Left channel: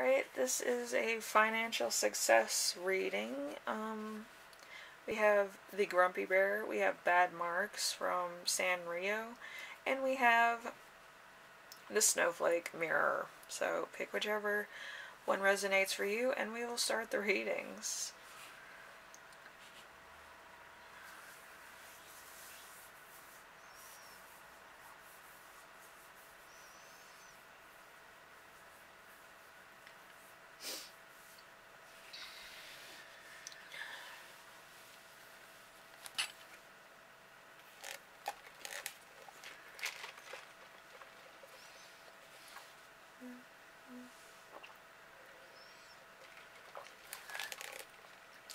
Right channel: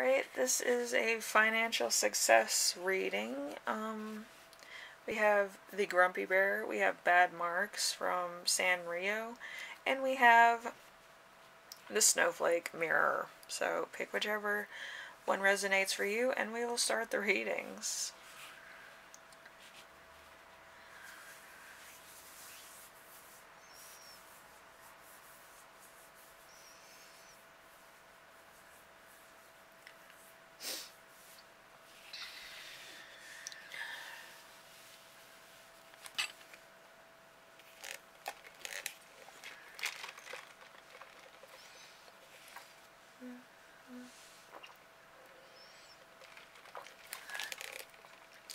Alright, this is a financial success reading. We have the Grumpy Bear, we have Bad Markz from Sanrio, and we have the Snowflake Mirror. So pick whichever one resonates for you, and we will start the readings.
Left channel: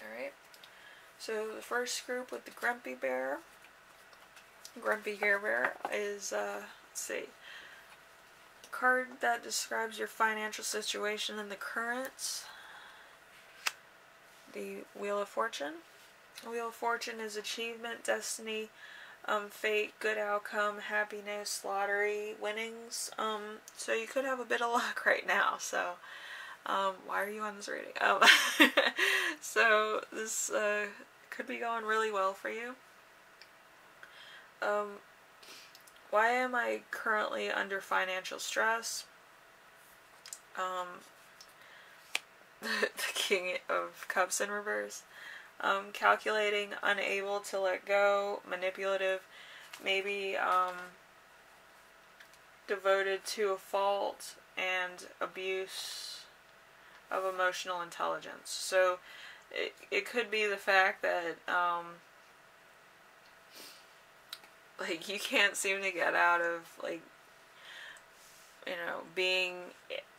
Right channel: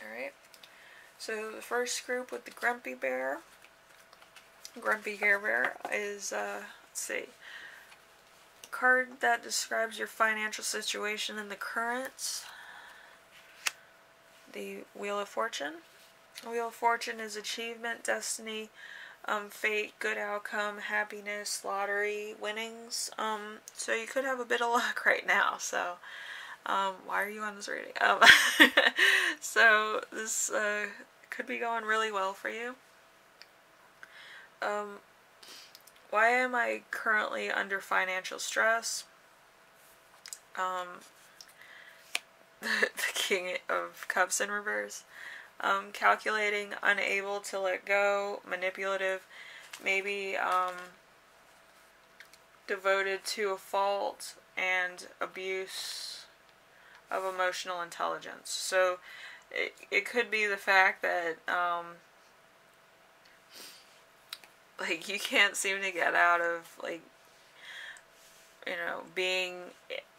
Alright, so the first group with the Grumpy Bear is, let's see, a card that describes your financial situation in the current. The Wheel of Fortune. The Wheel of Fortune is achievement, destiny, fate, good outcome, happiness, lottery, winnings. So you could have a bit of luck right now, so why are you on this reading? So this could be going really well for you. Why am I currently under financial stress? The King of Cups in reverse. Calculating, unable to let go, manipulative, maybe devoted to a fault, and abuse of emotional intelligence. So it could be the fact that like you can't seem to get out of, like, you know, being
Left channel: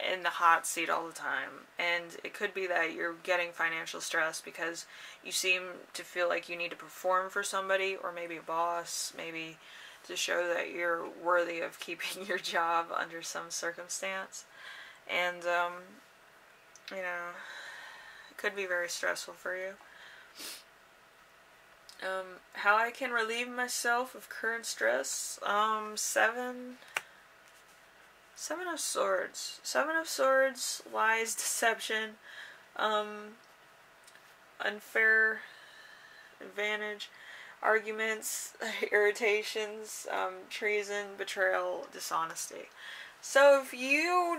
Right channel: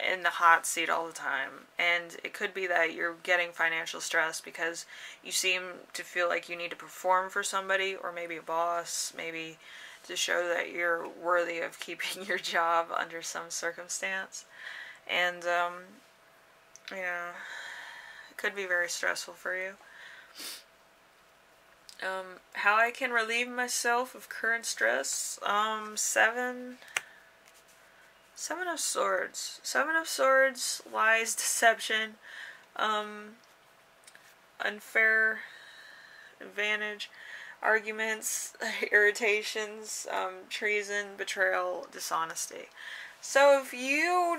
in the hot seat all the time. And it could be that you're getting financial stress because you seem to feel like you need to perform for somebody, or maybe a boss, maybe to show that you're worthy of keeping your job under some circumstance. And, you know, it could be very stressful for you. How I can relieve myself of current stress. Seven of Swords. Seven of Swords, lies, deception, unfair advantage, arguments, irritations, treason, betrayal, dishonesty. So if you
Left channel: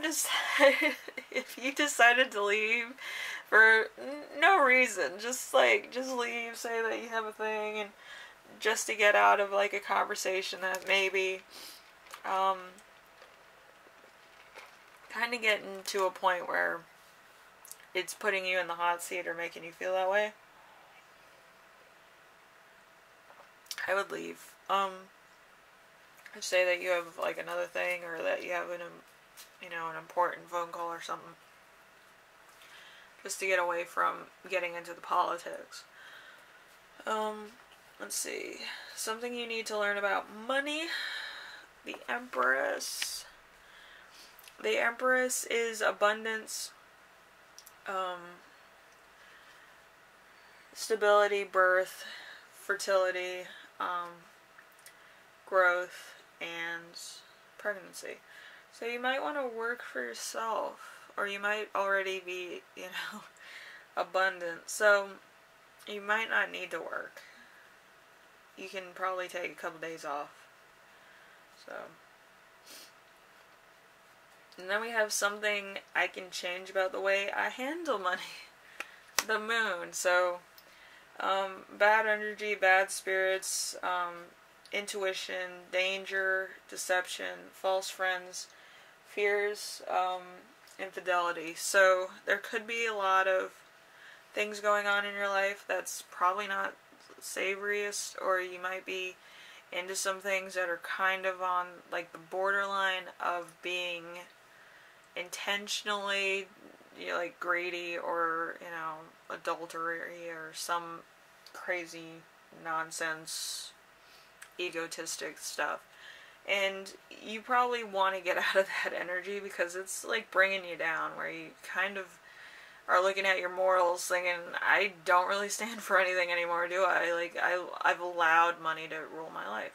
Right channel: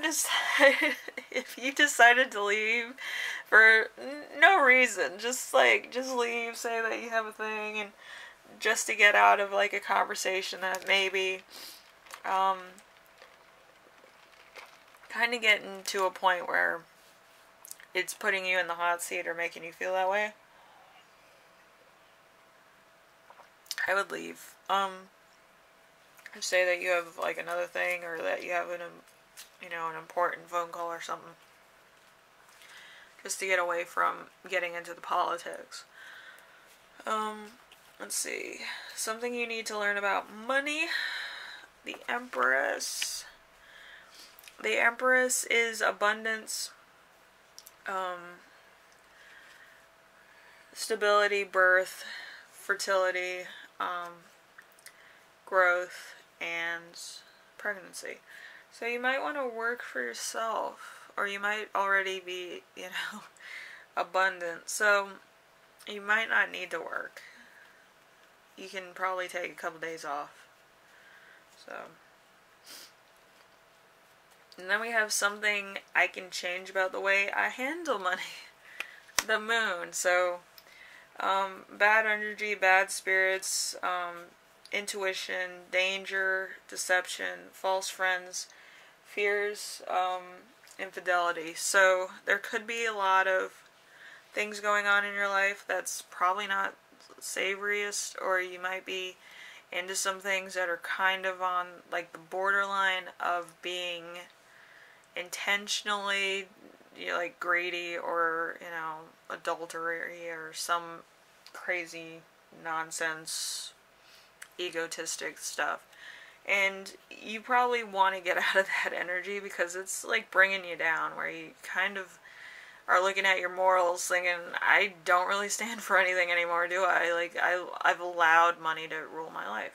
decided to leave for no reason, just leave, say that you have a thing, and just to get out of, like, a conversation that maybe kind of getting to a point where it's putting you in the hot seat or making you feel that way, I would leave. Say that you have, like, another thing, or that you have an important phone call or something, just to get away from getting into the politics. Let's see, something you need to learn about money. The Empress. The Empress is abundance, stability, birth, fertility, growth, and pregnancy. So you might want to work for yourself, or you might already be, abundant. So you might not need to work. You can probably take a couple days off. So, and then we have something I can change about the way I handle money. The Moon. So, bad energy, bad spirits, intuition, danger, deception, false friends, fears, infidelity. So there could be a lot of things going on in your life that's probably not savoriest, or you might be into some things that are kind of on, like, the borderline of being intentionally, like, greedy, or, adultery, or some crazy nonsense egotistic stuff. And you probably want to get out of that energy, because it's, like, bringing you down, where you kind of are looking at your morals thinking, I don't really stand for anything anymore, do I? Like, I've allowed money to rule my life.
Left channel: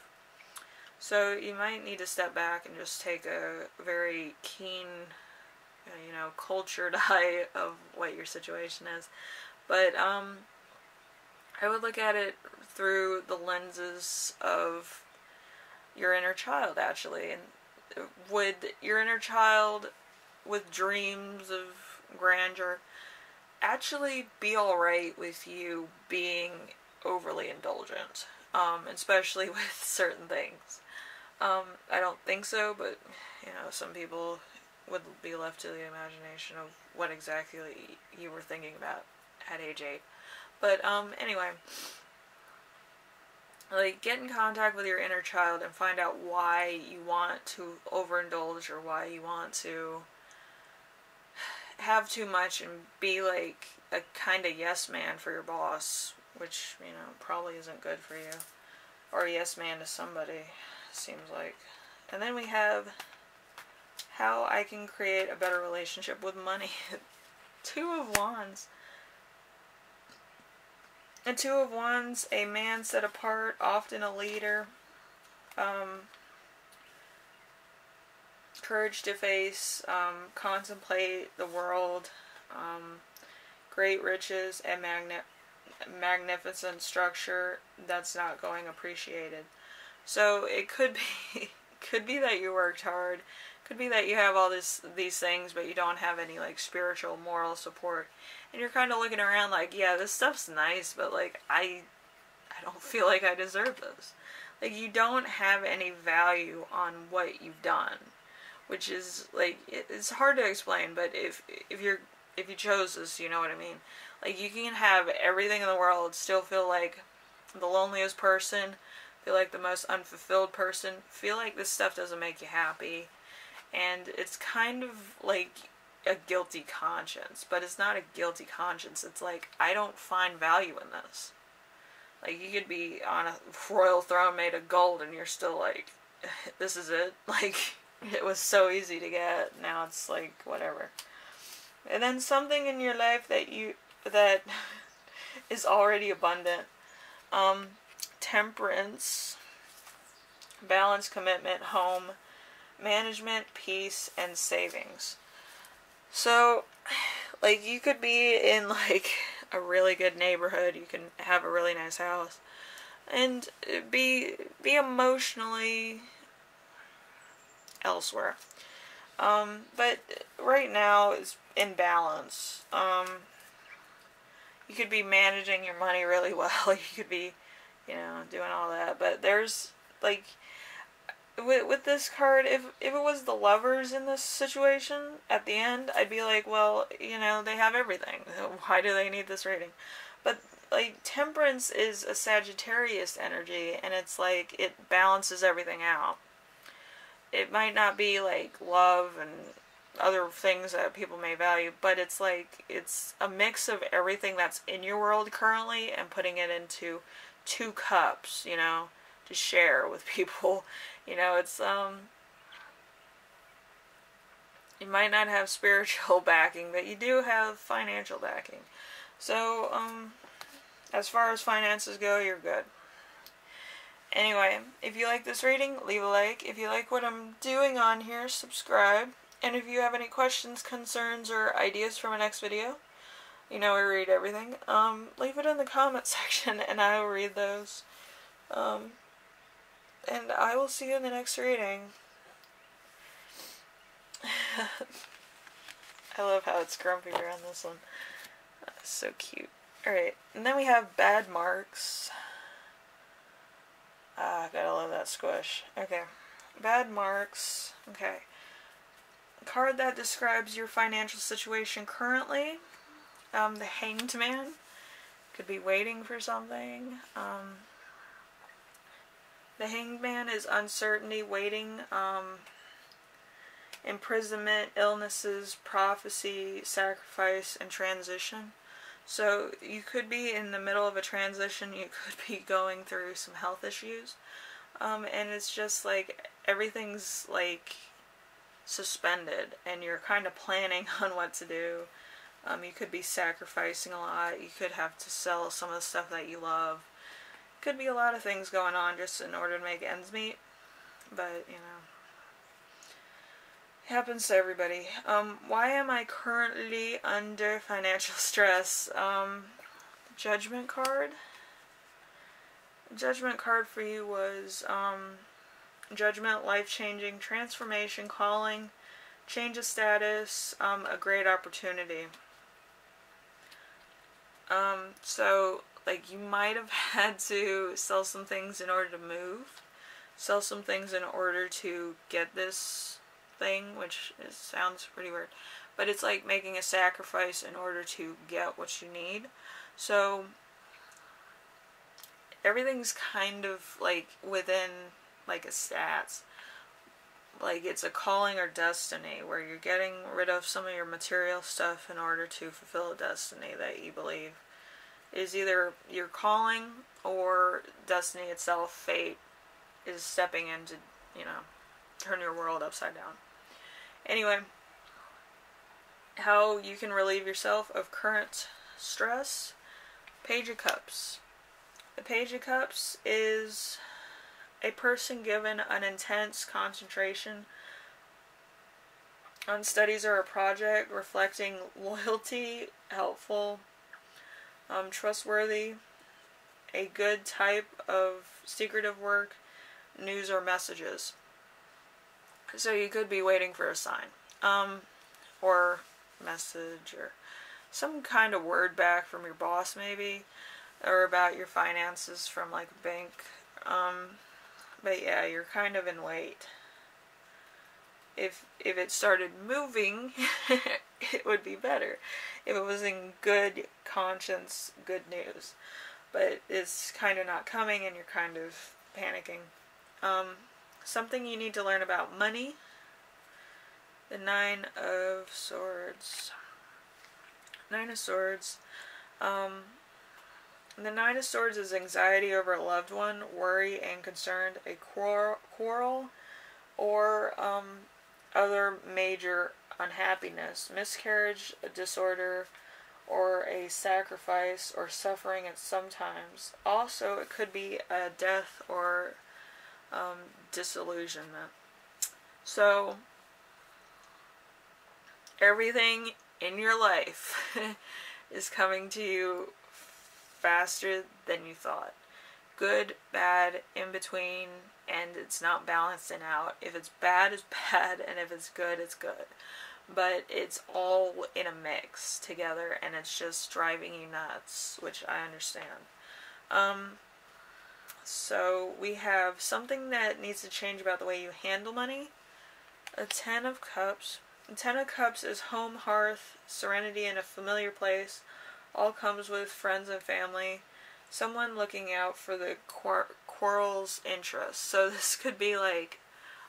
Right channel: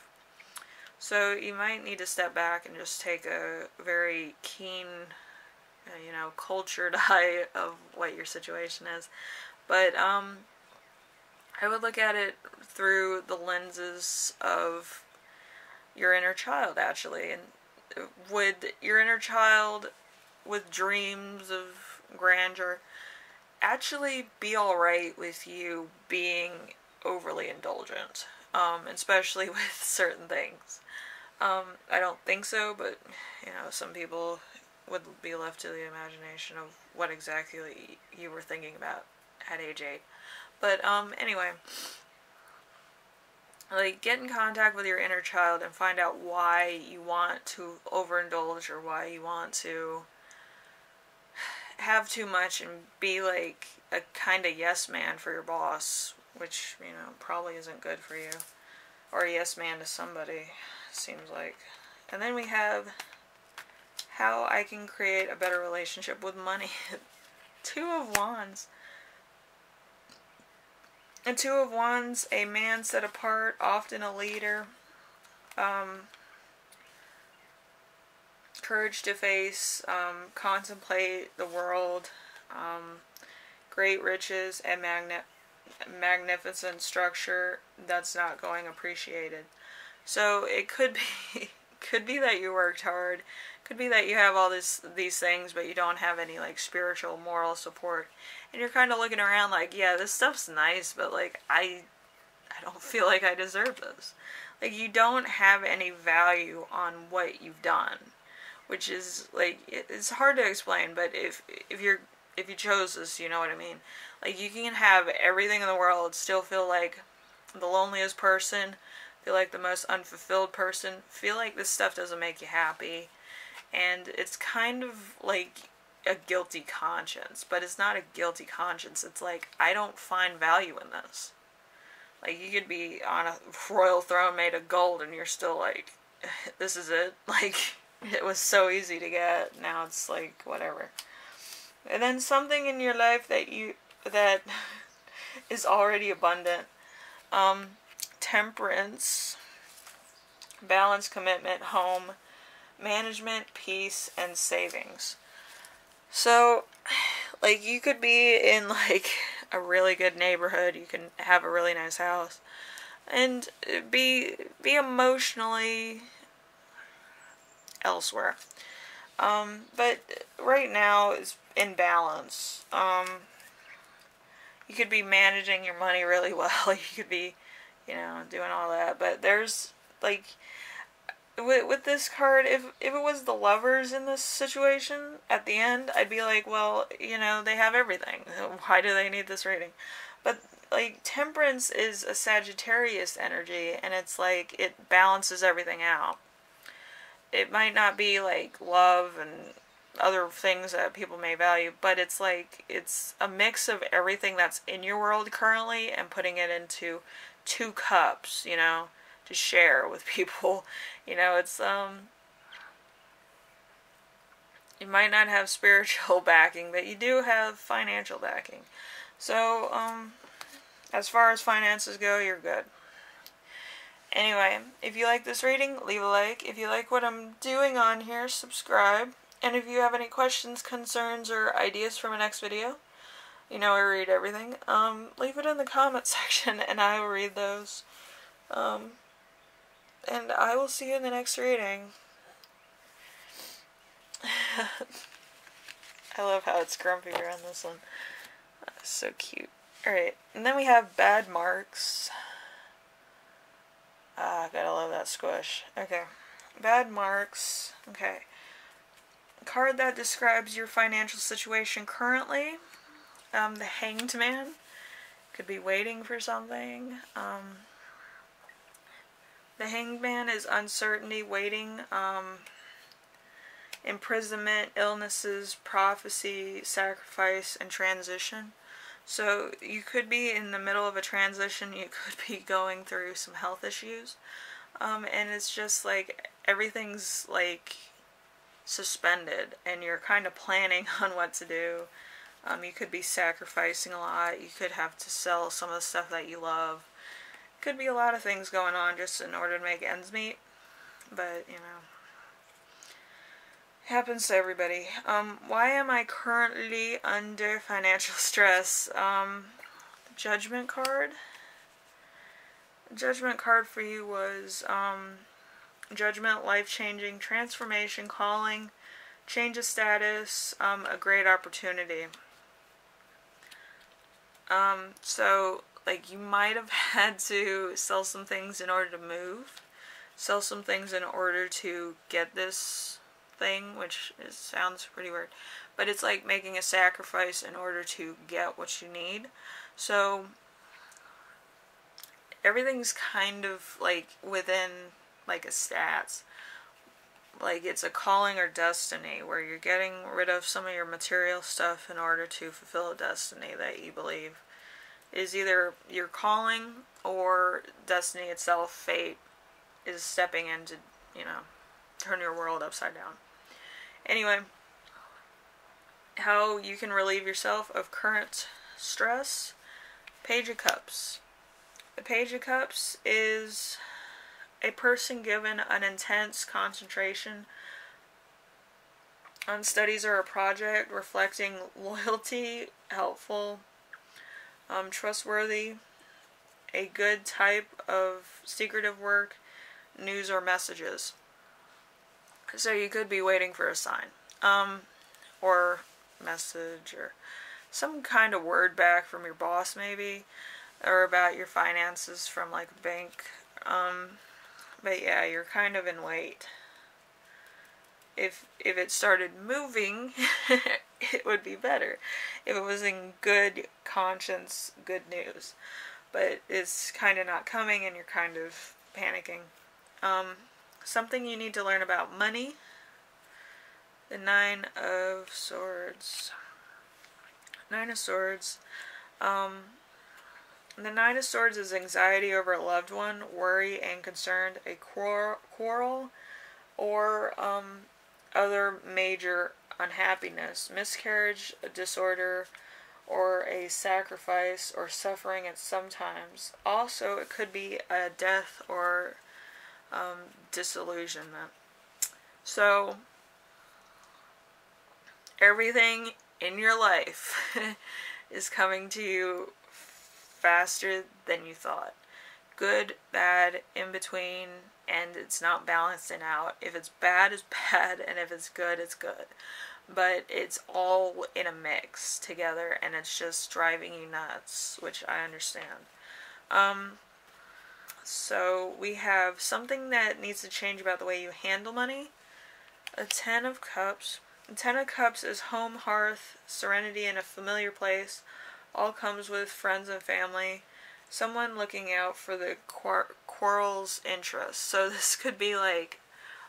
So you might need to step back and just take a very keen you know, cultured eye of what your situation is. But I would look at it through the lenses of your inner child, actually. And would your inner child with dreams of grandeur actually be alright with you being overly indulgent, especially with certain things? I don't think so, but, you know, some people would be left to the imagination of what exactly you were thinking about at age 8. But, anyway, like, get in contact with your inner child and find out why you want to overindulge or why you want to have too much and be, like, a kind of yes man for your boss, which, you know, probably isn't good for you. Or a yes man to somebody, seems like. And then we have how I can create a better relationship with money. Two of Wands. A Two of Wands, a man set apart, often a leader. Courage to face, contemplate the world, great riches, and magnificent structure that's not going appreciated. So it could be that you worked hard, could be that you have all these things, but you don't have any like spiritual, moral support, and you're kind of looking around like, yeah, this stuff's nice, but like I don't feel like I deserve this. Like, you don't have any value on what you've done, which is like, it's hard to explain, but if you chose this, you know what I mean. Like, you can have everything in the world, still feel like the loneliest person, feel like the most unfulfilled person, feel like this stuff doesn't make you happy, and it's kind of like a guilty conscience, but it's not a guilty conscience. It's like, I don't find value in this. Like, you could be on a royal throne made of gold, and you're still like, this is it. Like, it was so easy to get, now it's like, whatever. And then something in your life that is already abundant. Temperance, balance, commitment, home, management, peace, and savings. So, like, you could be in, like, a really good neighborhood, you can have a really nice house, and be emotionally elsewhere. But right now is in balance. You could be managing your money really well, you could be, you know, doing all that, but there's, like, with this card, if it was the lovers in this situation, at the end, I'd be like, well, you know, they have everything. Why do they need this rating? But, like, temperance is a Sagittarius energy, and it's like, it balances everything out. It might not be, like, love and other things that people may value, but it's like, it's a mix of everything that's in your world currently and putting it into 2 cups, you know, to share with people. You know, it's, you might not have spiritual backing, but you do have financial backing. So, as far as finances go, you're good. Anyway, if you like this reading, leave a like. If you like what I'm doing on here, subscribe. And if you have any questions, concerns, or ideas for my next video, you know I read everything, leave it in the comment section and I will read those. And I will see you in the next reading. I love how it's grumpier on this one. That's so cute. Alright, and then we have Bad Markz. Gotta love that squish. Okay, Bad Markz. Okay. A card that describes your financial situation currently. The Hanged Man. Could be waiting for something. The Hanged Man is uncertainty, waiting, imprisonment, illnesses, prophecy, sacrifice, and transition. So you could be in the middle of a transition, you could be going through some health issues, and it's just like everything's like suspended and you're kind of planning on what to do. You could be sacrificing a lot, you could have to sell some of the stuff that you love. Could be a lot of things going on just in order to make ends meet, but you know, Happens to everybody. Why am I currently under financial stress? Judgment card. Judgment card for you was judgment, life-changing, transformation, calling, change of status, a great opportunity. So, like, you might have had to sell some things in order to move, sell some things in order to get this thing, which sounds pretty weird, but it's like making a sacrifice in order to get what you need. So everything's kind of like within like a stats, like it's a calling or destiny where you're getting rid of some of your material stuff in order to fulfill a destiny that you believe is either your calling or destiny itself. Fate is stepping in to, you know, turn your world upside down. Anyway, how you can relieve yourself of current stress. Page of Cups. The Page of Cups is a person given an intense concentration on studies or a project, reflecting loyalty, helpful, trustworthy, a good type of secretive work, news or messages. So you could be waiting for a sign, or message, or some kind of word back from your boss maybe, or about your finances from like a bank. But yeah, you're kind of in wait. If it started moving, it would be better. If it was in good conscience, good news. But it's kind of not coming and you're kind of panicking. Something you need to learn about money. The Nine of Swords. Nine of Swords. The Nine of Swords is anxiety over a loved one, worry and concern, a quarrel, or other major unhappiness, miscarriage, a disorder, or a sacrifice or suffering at some times. Also, it could be a death or disillusionment. So, everything in your life is coming to you faster than you thought. Good, bad, in between, and it's not balancing out. If it's bad, it's bad, and if it's good, it's good. But it's all in a mix together, and it's just driving you nuts, which I understand. So we have something that needs to change about the way you handle money. A Ten of Cups. The Ten of Cups is home, hearth, serenity in a familiar place. All comes with friends and family. Someone looking out for the quarrel's interests. So this could be like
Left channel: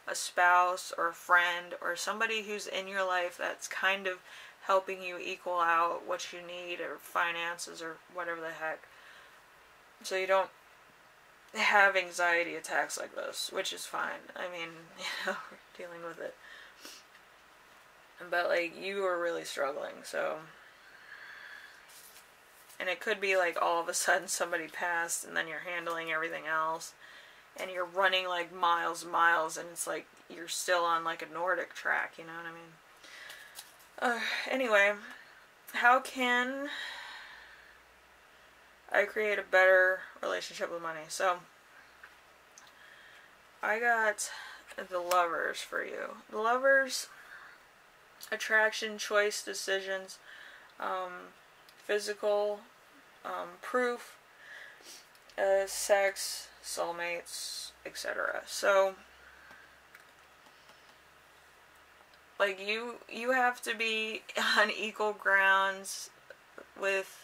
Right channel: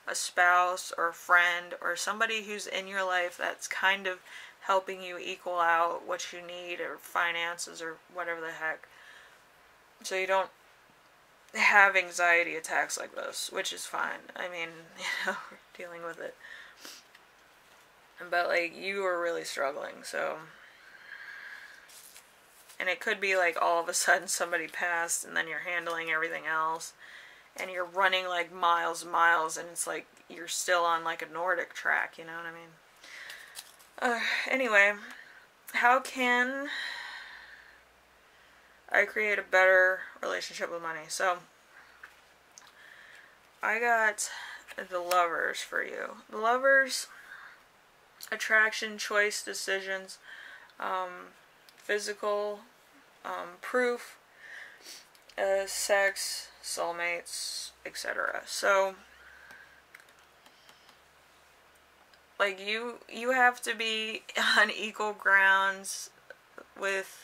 a spouse or a friend or somebody who's in your life that's kind of helping you equal out what you need, or finances, or whatever the heck. So you don't have anxiety attacks like this, which is fine. I mean, you know, we're dealing with it. But like, you are really struggling, so. And it could be like all of a sudden somebody passed and then you're handling everything else. And you're running like miles and miles, and it's like you're still on like a Nordic track, you know what I mean? Anyway, how can I create a better relationship with money? So, I got the Lovers for you. The Lovers, attraction, choice, decisions, physical, proof, sex, soulmates, etc. So, like, you have to be on equal grounds with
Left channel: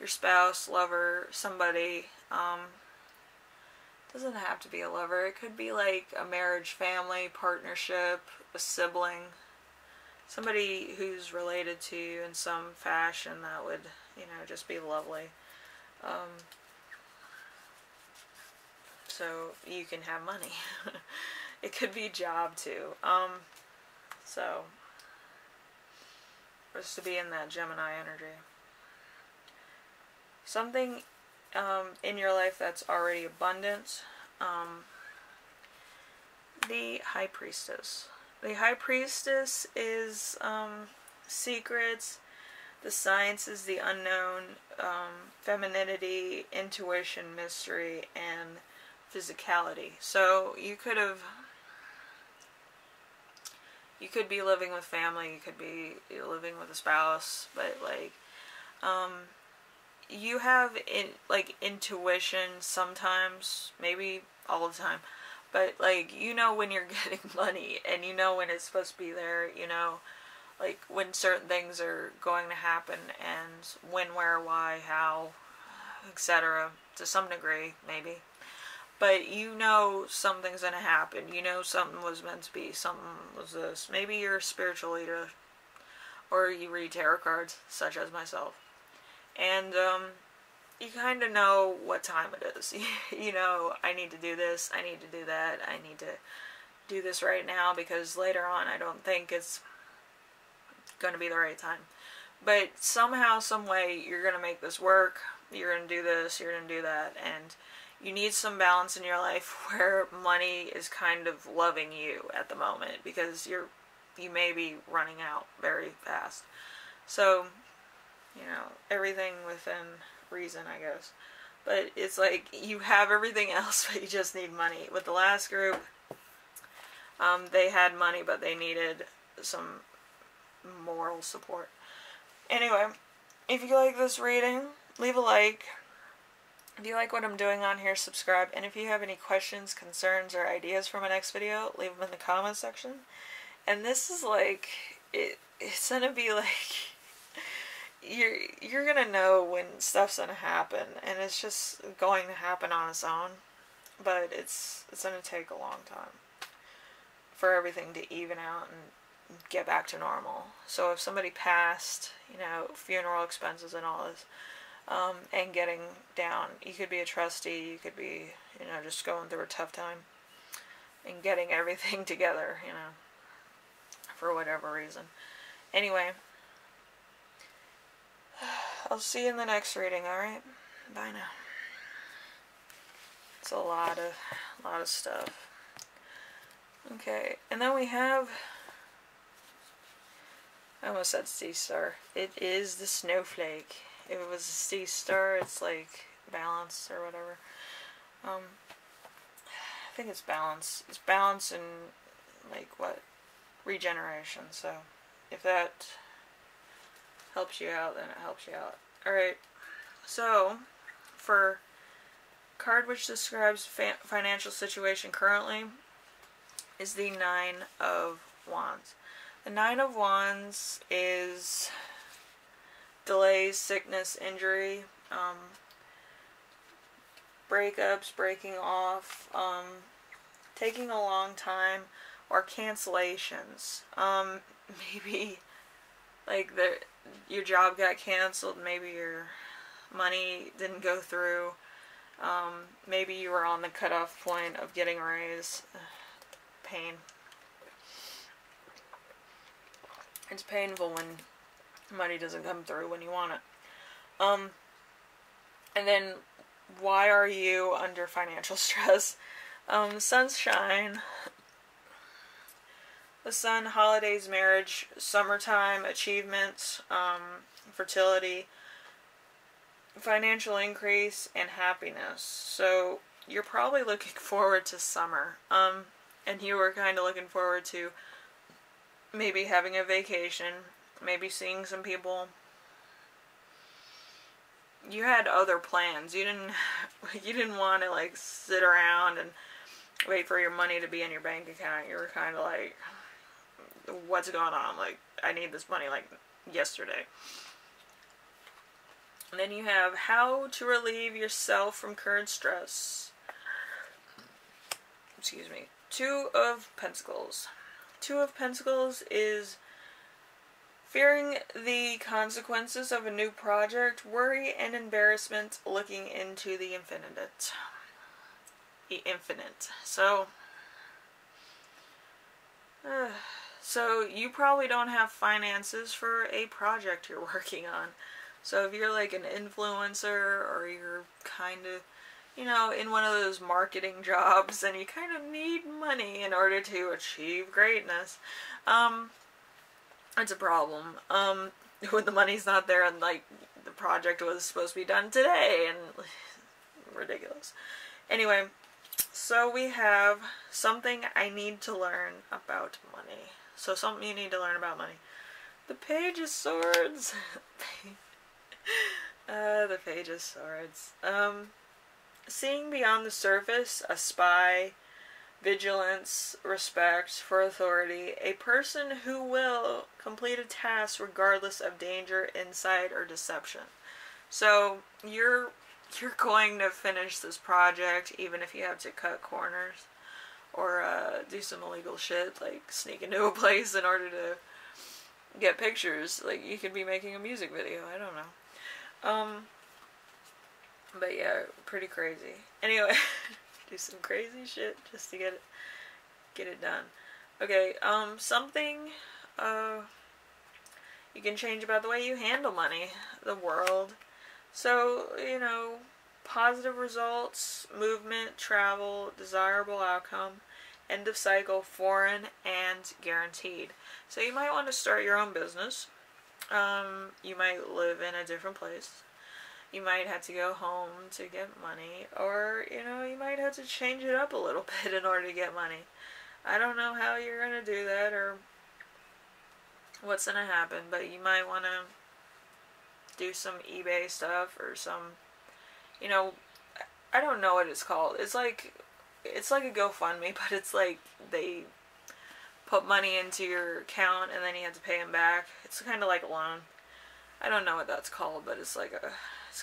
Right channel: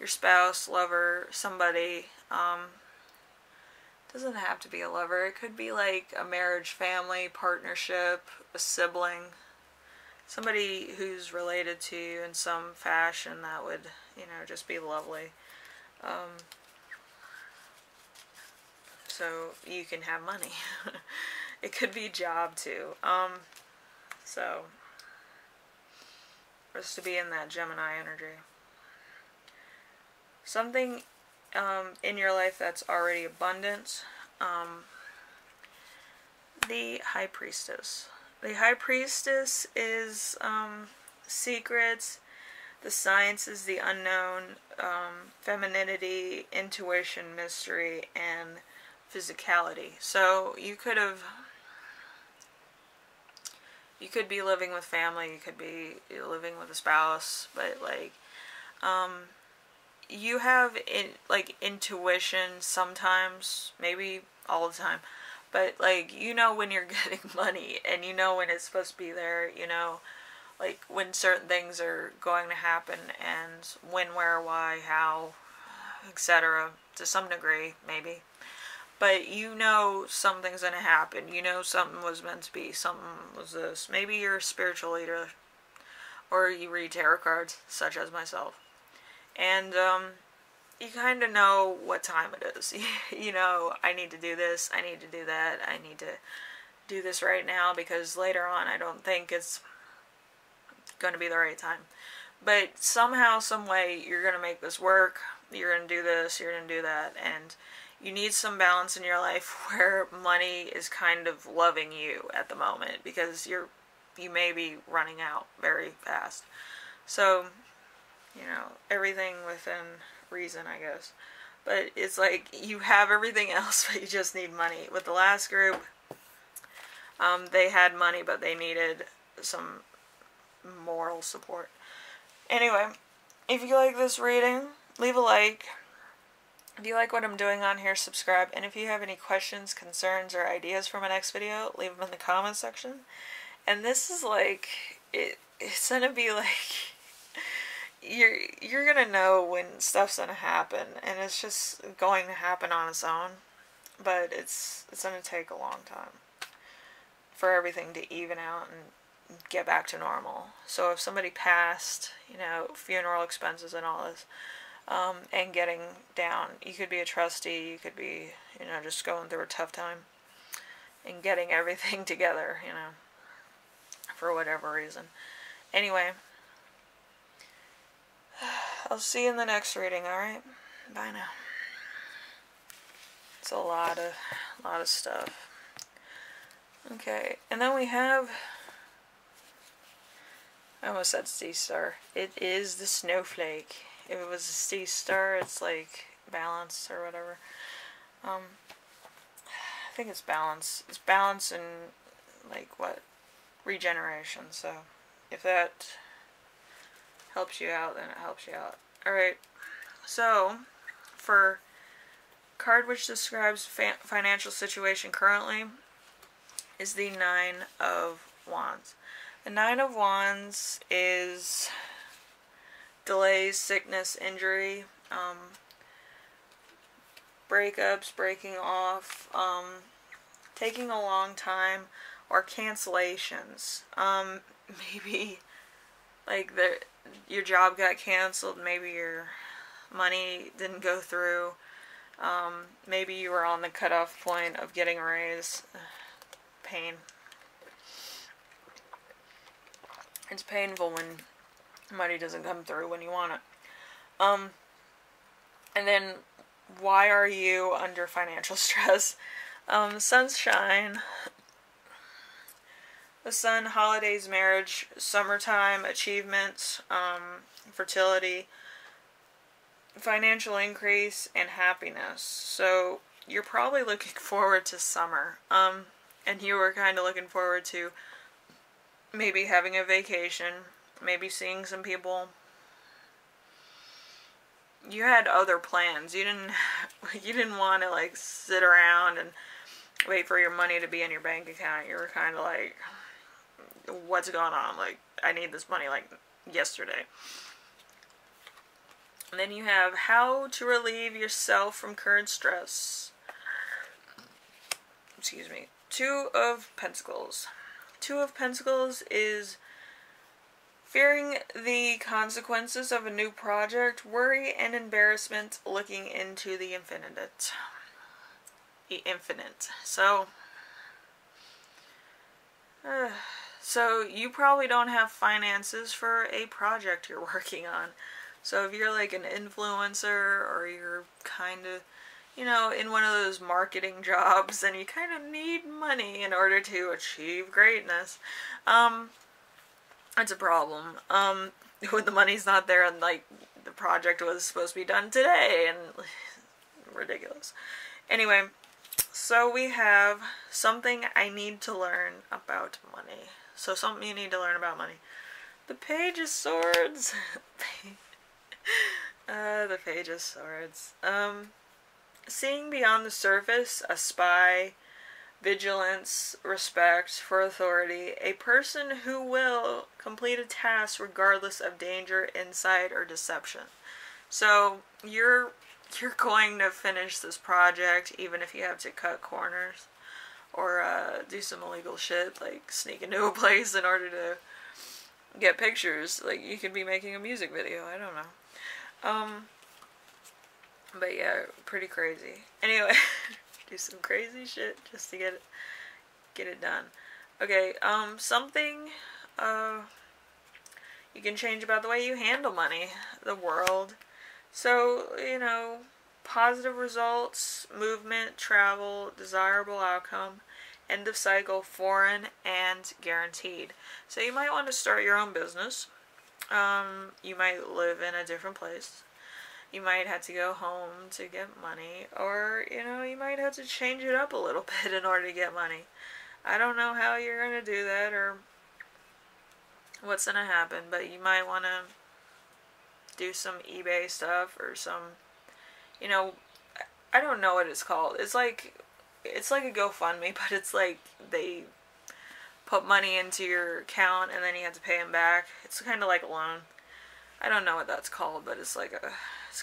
your spouse, lover, somebody. Doesn't have to be a lover. It could be like a marriage, family, partnership, a sibling, somebody who's related to you in some fashion that would, you know, just be lovely. So you can have money. It could be a job too. So just to be in that Gemini energy. Something in your life that's already abundant. The High Priestess. The High Priestess is secrets. The Science is the unknown. Femininity, intuition, mystery, and physicality. So you could be living with family, you could be living with a spouse, but like you have intuition sometimes, maybe all the time, but like you know when you're getting money, and you know when it's supposed to be there, you know like when certain things are going to happen, and when, where, why, how, etc. to some degree, maybe. But you know something's going to happen. You know something was meant to be. Something was this. Maybe you're a spiritual leader. Or you read tarot cards, such as myself. And you kind of know what time it is. You know, I need to do this. I need to do that. I need to do this right now, because later on I don't think it's going to be the right time. But somehow, some way, you're going to make this work. You're going to do this. You're going to do that. And you need some balance in your life where money is kind of loving you at the moment, because you may be running out very fast. So, you know, everything within reason, I guess. But it's like you have everything else, but you just need money. With the last group, they had money, but they needed some moral support. Anyway, if you like this reading, leave a like. If you like what I'm doing on here, subscribe. And if you have any questions, concerns, or ideas for my next video, leave them in the comment section. And this is like, it's gonna be like, you're gonna know when stuff's gonna happen, and it's just going to happen on its own. But it's gonna take a long time for everything to even out and get back to normal. So if somebody passed, you know, funeral expenses and all this, and getting down, you could be a trustee, you could be, you know, just going through a tough time and getting everything together, you know, for whatever reason. Anyway, I'll see you in the next reading, alright? Bye now. It's a lot of stuff. Okay, and then we have, I almost said sea star. It is the snowflake. If it was a sea star, it's like balance or whatever. I think it's balance. It's balance and like what? Regeneration. So if that helps you out, then it helps you out. Alright, so for card which describes financial situation currently is the Nine of Wands. The Nine of Wands is delays, sickness, injury, breakups, breaking off, taking a long time, or cancellations. Maybe like your job got canceled, maybe your money didn't go through, maybe you were on the cutoff point of getting a raise. Pain. It's painful when money doesn't come through when you want it. And then, why are you under financial stress? Sunshine. The sun, holidays, marriage, summertime, achievements, fertility, financial increase, and happiness. So, you're probably looking forward to summer. And you were kind of looking forward to maybe having a vacation, maybe seeing some people. You had other plans. You didn't want to like sit around and wait for your money to be in your bank account. You were kind of like, what's going on? Like, I need this money like yesterday. And then you have how to relieve yourself from current stress. Excuse me. Two of Pentacles. Two of Pentacles is fearing the consequences of a new project, worry and embarrassment, looking into the infinite. So you probably don't have finances for a project you're working on. So if you're like an influencer, or you're kind of, you know, in one of those marketing jobs, and you kind of need money in order to achieve greatness. It's a problem. When the money's not there and, like, the project was supposed to be done today, and ridiculous. Anyway, so we have something I need to learn about money. So something you need to learn about money. The Page of Swords. The Page of Swords. Seeing beyond the surface, a spy, vigilance, respect for authority, a person who will complete a task regardless of danger, insight, or deception. So you're going to finish this project even if you have to cut corners or do some illegal shit like sneak into a place in order to get pictures. Like, you could be making a music video, I don't know. But yeah, pretty crazy. Anyway, do some crazy shit just to get it done. Okay, something you can change about the way you handle money, the world. So, you know, positive results, movement, travel, desirable outcome, end of cycle, foreign, and guaranteed. So you might want to start your own business. You might live in a different place. You might have to go home to get money, or, you know, you might have to change it up a little bit in order to get money. I don't know how you're going to do that or what's going to happen, but you might want to do some eBay stuff or some, you know, I don't know what it's called. It's like a GoFundMe, but it's like they put money into your account and then you have to pay them back. It's kind of like a loan. I don't know what that's called, but it's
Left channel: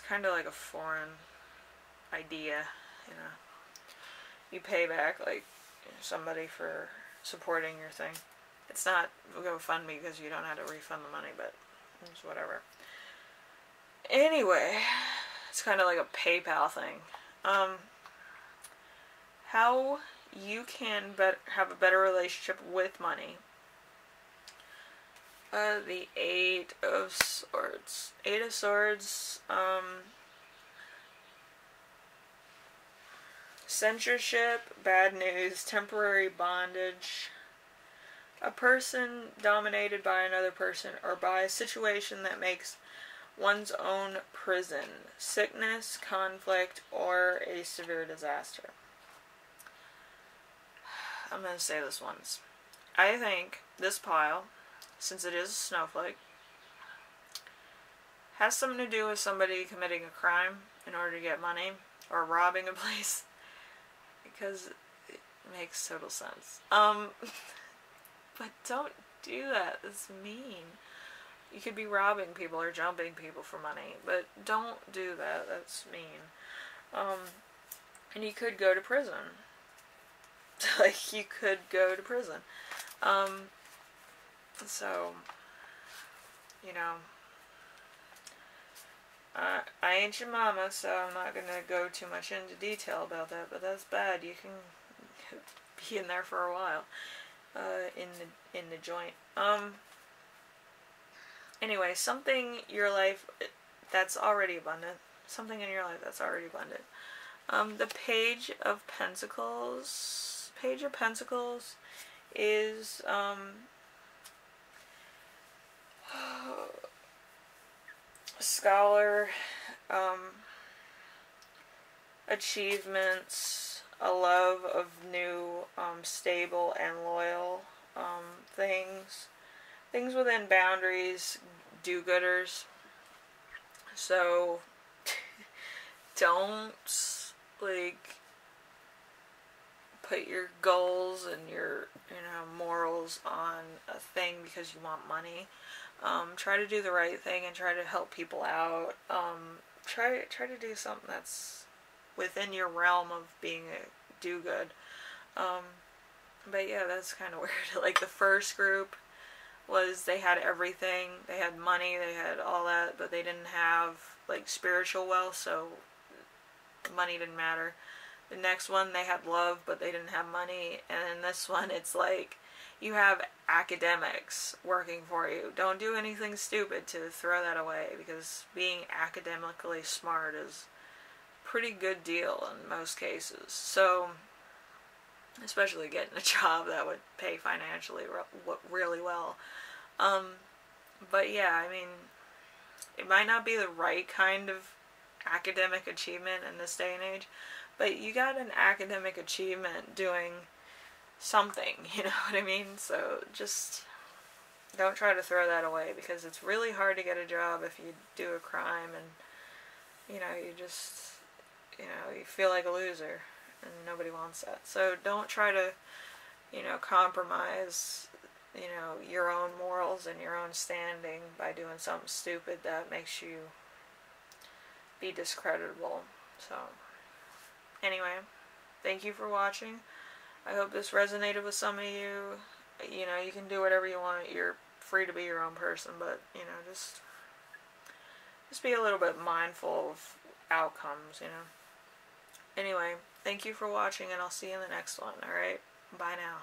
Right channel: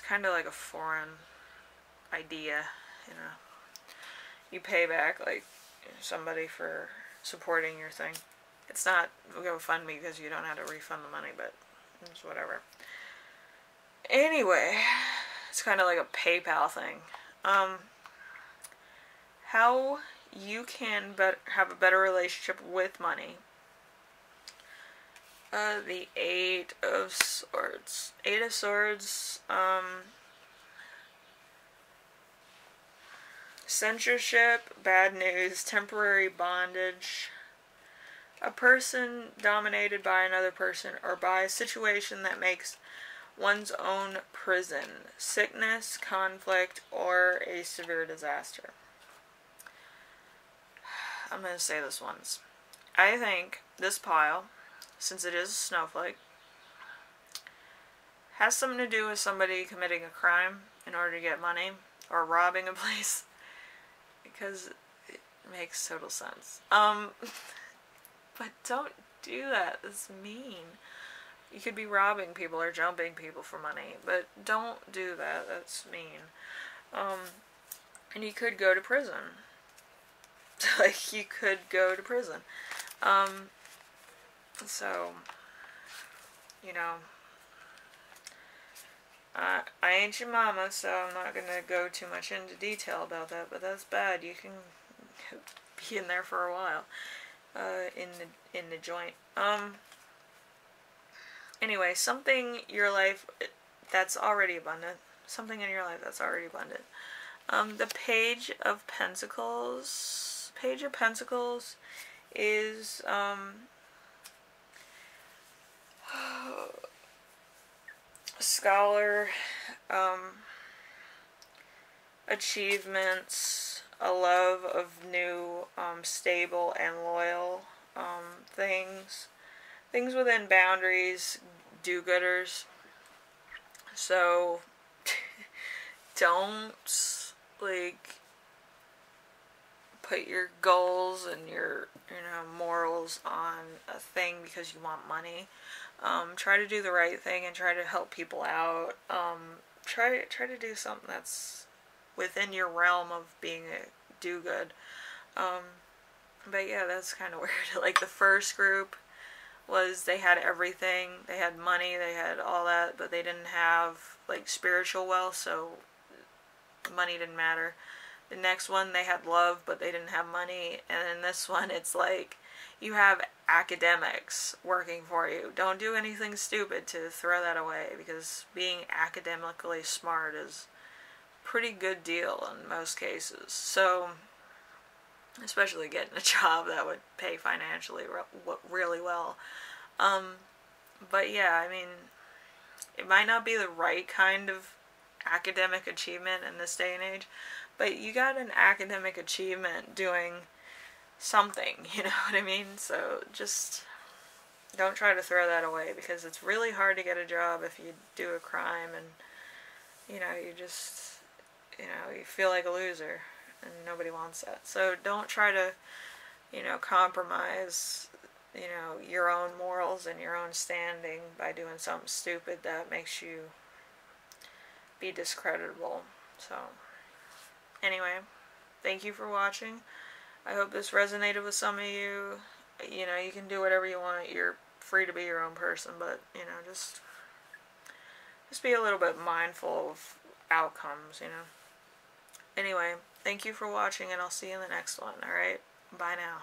kind of like a foreign idea, you know. You pay back, like, somebody for supporting your thing. It's not GoFundMe because you don't have to refund the money, but it's whatever. Anyway, it's kind of like a PayPal thing. How you can have a better relationship with money. The Eight of Swords. Eight of Swords, censorship, bad news, temporary bondage, a person dominated by another person or by a situation that makes one's own prison, sickness, conflict, or a severe disaster. I'm going to say this once. I think this pile, since it is a snowflake, has something to do with somebody committing a crime in order to get money, or robbing a place, because it makes total sense. But don't do that. It's mean. You could be robbing people or jumping people for money, but don't do that. That's mean. And you could go to prison. Like, you could go to prison. So, you know, I ain't your mama, so I'm not gonna go too much into detail about that, but that's bad. You can be in there for a while, in the joint. Anyway, something in your life that's already abundant. Something in your life that's already abundant. The Page of Pentacles. Page of Pentacles is, scholar, achievements, a love of new, stable and loyal, things within boundaries, do-gooders. So, don't, like, put your goals and your, morals on a thing because you want money. Try to do the right thing and try to help people out. Try to do something that's within your realm of being a do-good. But yeah, that's kind of weird. Like, the first group was, they had everything. They had money, they had all that, but they didn't have, like, spiritual wealth, so money didn't matter. The next one, they had love, but they didn't have money. And in this one, it's like, you have academics working for you. Don't do anything stupid to throw that away, because being academically smart is pretty good deal in most cases. So, especially getting a job that would pay financially really well. But yeah, I mean, it might not be the right kind of academic achievement in this day and age, but you got an academic achievement doing something, you know what I mean? So just don't try to throw that away, because it's really hard to get a job if you do a crime, and you know, you just, you know, you feel like a loser, and nobody wants that. So don't try to, you know, compromise, you know, your own morals and your own standing by doing something stupid that makes you be discreditable. So anyway, thank you for watching. I hope this resonated with some of you. You know, you can do whatever you want. You're free to be your own person, but, you know, just be a little bit mindful of outcomes, you know. Anyway, thank you for watching, and I'll see you in the next one, alright? Bye now.